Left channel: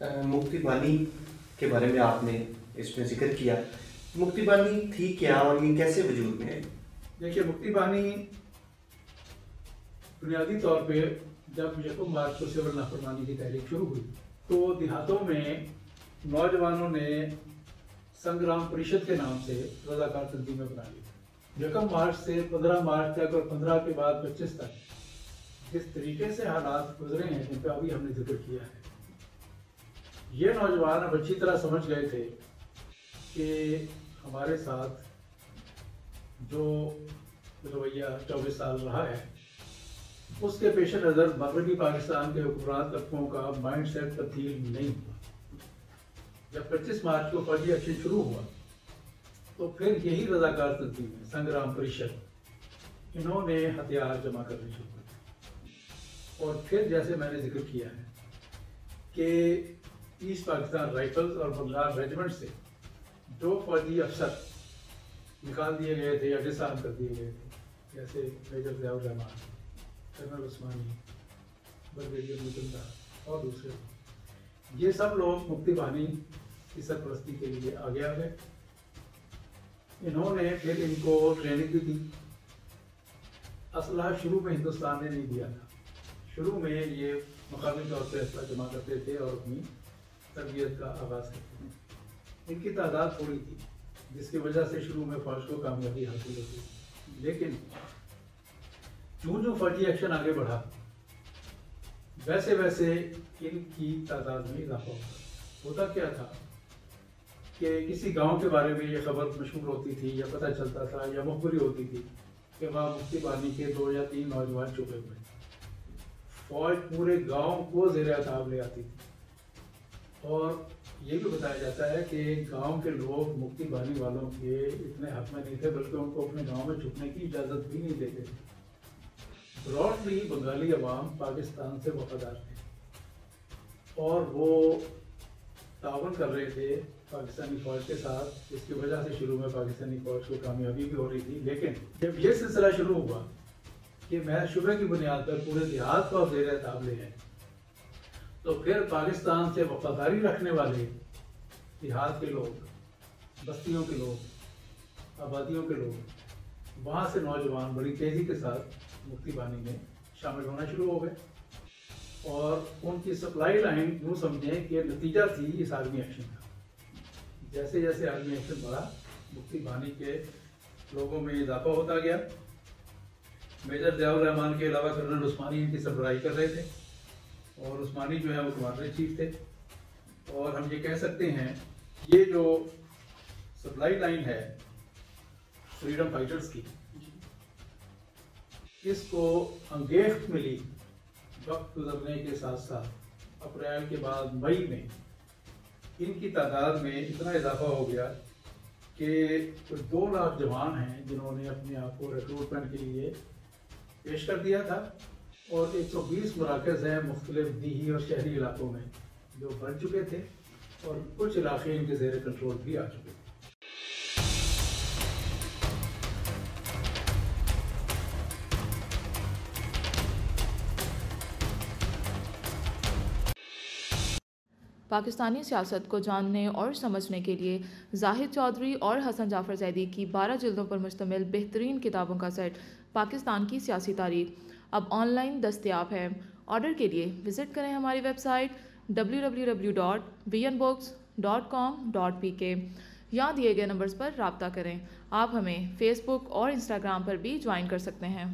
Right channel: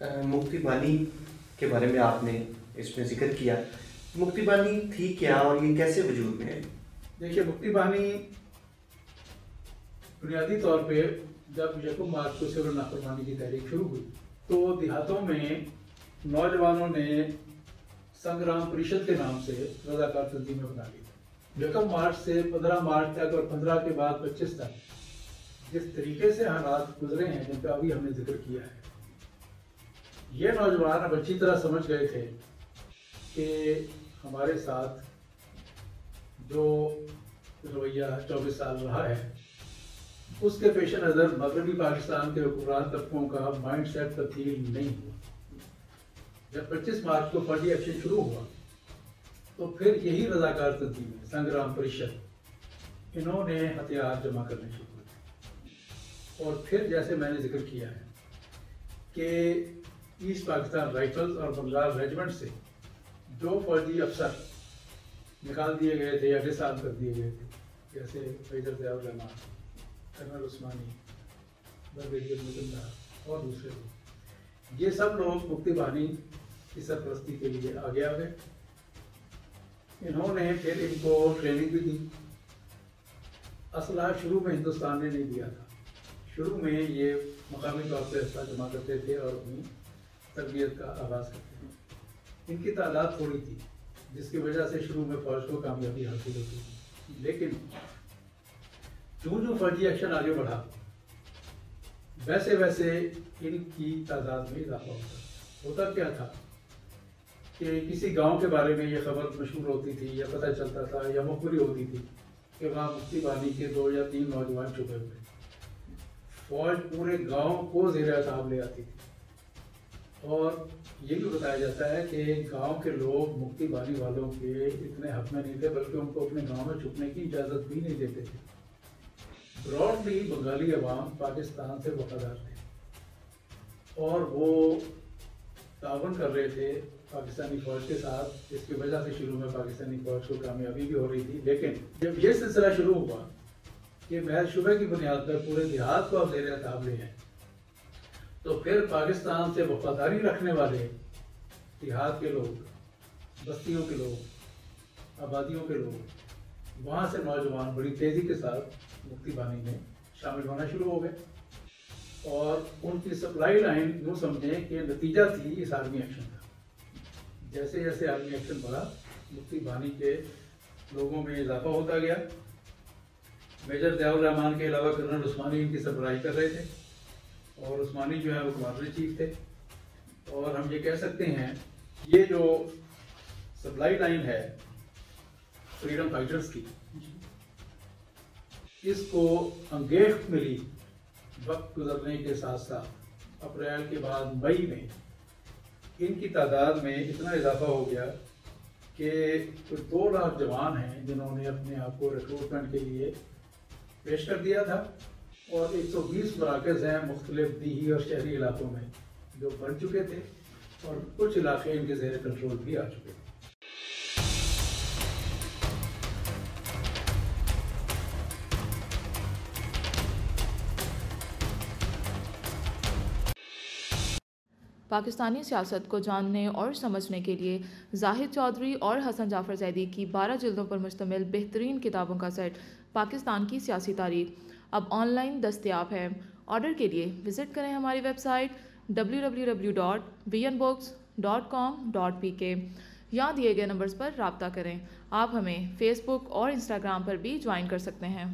مکتی بانی کے بارے میں آپ نے اس میں ذکر کیا، مکتی بانی تھی کیا اور یہ کیسے وجود میں ہے؟ دیکھیے، مکتی بانی بنیادی طور پہ جب 1 مارچ کو سول نافرمانی کی تحریک شروع ہوئی تو دیہاتوں میں نوجوانوں نے سنگرام پریشد کے نام سے رضاکار تنظیمیں بنا لی۔ 1 مارچ سے 15 مارچ تک اور 15 کے بعد 25 تک جس طریقے سے حالات گزرے ہیں جن پہ ابھی ہم نے ذکر کیا ہے، یہ نوجوان اب اچھی طرح سمجھ گئے تھے کہ ہمارے ساتھ جو رویہ 24 سال رہا ہے اس کے پیش نظر مغربی پاکستان کے حکمران طبقوں کا مائنڈ سیٹ تبدیل نہیں ہوا۔ جب 25 مارچ کو فوجی ایکشن شروع ہوا تو پھر یہی رضاکار تنظیم سنگرام پریشد انہوں نے ہتھیار جمع کرنے شروع کر، اور پھر جیسے میں نے ذکر کیا ہے کہ ایسٹ پاکستان رائفلز اور بنگال ریجمنٹ سے جو فوجی افسر نکال دیے گئے تھے یا ڈسارم کر دیے گئے تھے، جیسے میجر ضیاء الرحمان، کرنل عثمانی، بریگیڈیئر مجمدار اور دوسرے لوگ، یہ سب لوگ مکتی بانی کی سرپرستی کے لیے آگے آ گئے۔ انہوں نے پھر ان کو ٹریننگ بھی دی۔ اسلحہ شروع میں ہندوستان نے نہیں دیا تھا، شروع میں یہ مقامی طور پہ اسلحہ جمع کرتے تھے اور اپنی تربیت کا آغاز کرتے تھے۔ ان کی تعداد تھوڑی تھی جس کی وجہ سے شروع میں فوج کو کامیابی حاصل ہوتی، لیکن جو فوجی ایکشن آگے بڑھا ویسے ویسے ان کی تعداد میں اضافہ ہوتا کیا تھا کہ کسی گاؤں کے بارے میں یہ خبر مشہور ہوتی تھی یا پتہ چلتا تھا یا مخبری ہوتی تھی کہ وہاں مکتی بانی کے 2 یا 3 نوجوان چھپے ہوئے، فوج پورے گاؤں کو زیر اعتماد لے آتی تھی، اور یہ بھی بتایا جاتا ہے کہ گاؤں کے لوگ مکتی بانی والوں کے اتنے حق میں نہیں تھے بلکہ ان کو اپنے گاؤں میں چھپنے کی اجازت بھی نہیں دیتے تھے۔ براڈلی بنگالی عوام پاکستان سے وفادار تھے اور وہ تعاون کر رہے تھے پاکستانی فوج کے ساتھ، جس کی وجہ سے شروع میں پاکستانی فوج کو کامیابی بھی ہو رہی تھی۔ لیکن جب یہ سلسلہ شروع ہوا کہ محض شبہ کی بنیاد پر پورے دیہات کو زیر اعتماد لے ہیں، تو پھر پاکستان سے وفاداری رکھنے والے دیہات کے لوگ، بستیوں کے لوگ، آبادیوں کے لوگ، وہاں سے نوجوان بڑی تیزی کے ساتھ مکتی بانی میں شامل ہونا شروع ہو گئے، اور ان کی سپلائی لائن یوں سمجھیں کہ نتیجہ تھی اس آرمی ایکشن کا۔ جیسے جیسے آرمی ایکشن بڑھا، مکتی بانی کے لوگوں میں اضافہ ہوتا گیا۔ میجر ضیاء الرحمان کے علاوہ کرنل عثمانی ان کی سربراہی کر رہے تھے، اور عثمانی جو ہے وہ کمانڈر چیف تھے، اور ہم یہ کہہ سکتے ہیں یہ جو سپلائی لائن ہے فریڈم فائٹرز کی، اس کو انگیخت ملی وقت گزرنے کے ساتھ ساتھ اپریل کے بعد مئی میں ان کی تعداد میں اتنا اضافہ ہو گیا کہ کچھ 2 لاکھ جوان ہیں جنہوں نے اپنے آپ کو ریکروٹمنٹ کے لیے پیش کر دیا تھا، اور 120 مراکز ہیں مختلف دیہی اور شہری علاقوں میں جو بن چکے تھے، اور کچھ علاقے ان کے زیر کنٹرول بھی آ چکے تھے۔ پاکستانی سیاست کو جاننے اور سمجھنے کے لیے زاہد چودھری اور حسن جعفر زیدی کی 12 جلدوں پر مشتمل بہترین کتابوں کا سیٹ پاکستان کی سیاسی تاریخ اب آن لائن دستیاب ہے۔ آرڈر کے لیے وزٹ کریں ہماری ویب سائٹ www.vnbooks.com.pk یا دیے گئے نمبرز پر رابطہ کریں۔ آپ ہمیں فیس بک اور انسٹاگرام پر بھی جوائن کر سکتے ہیں۔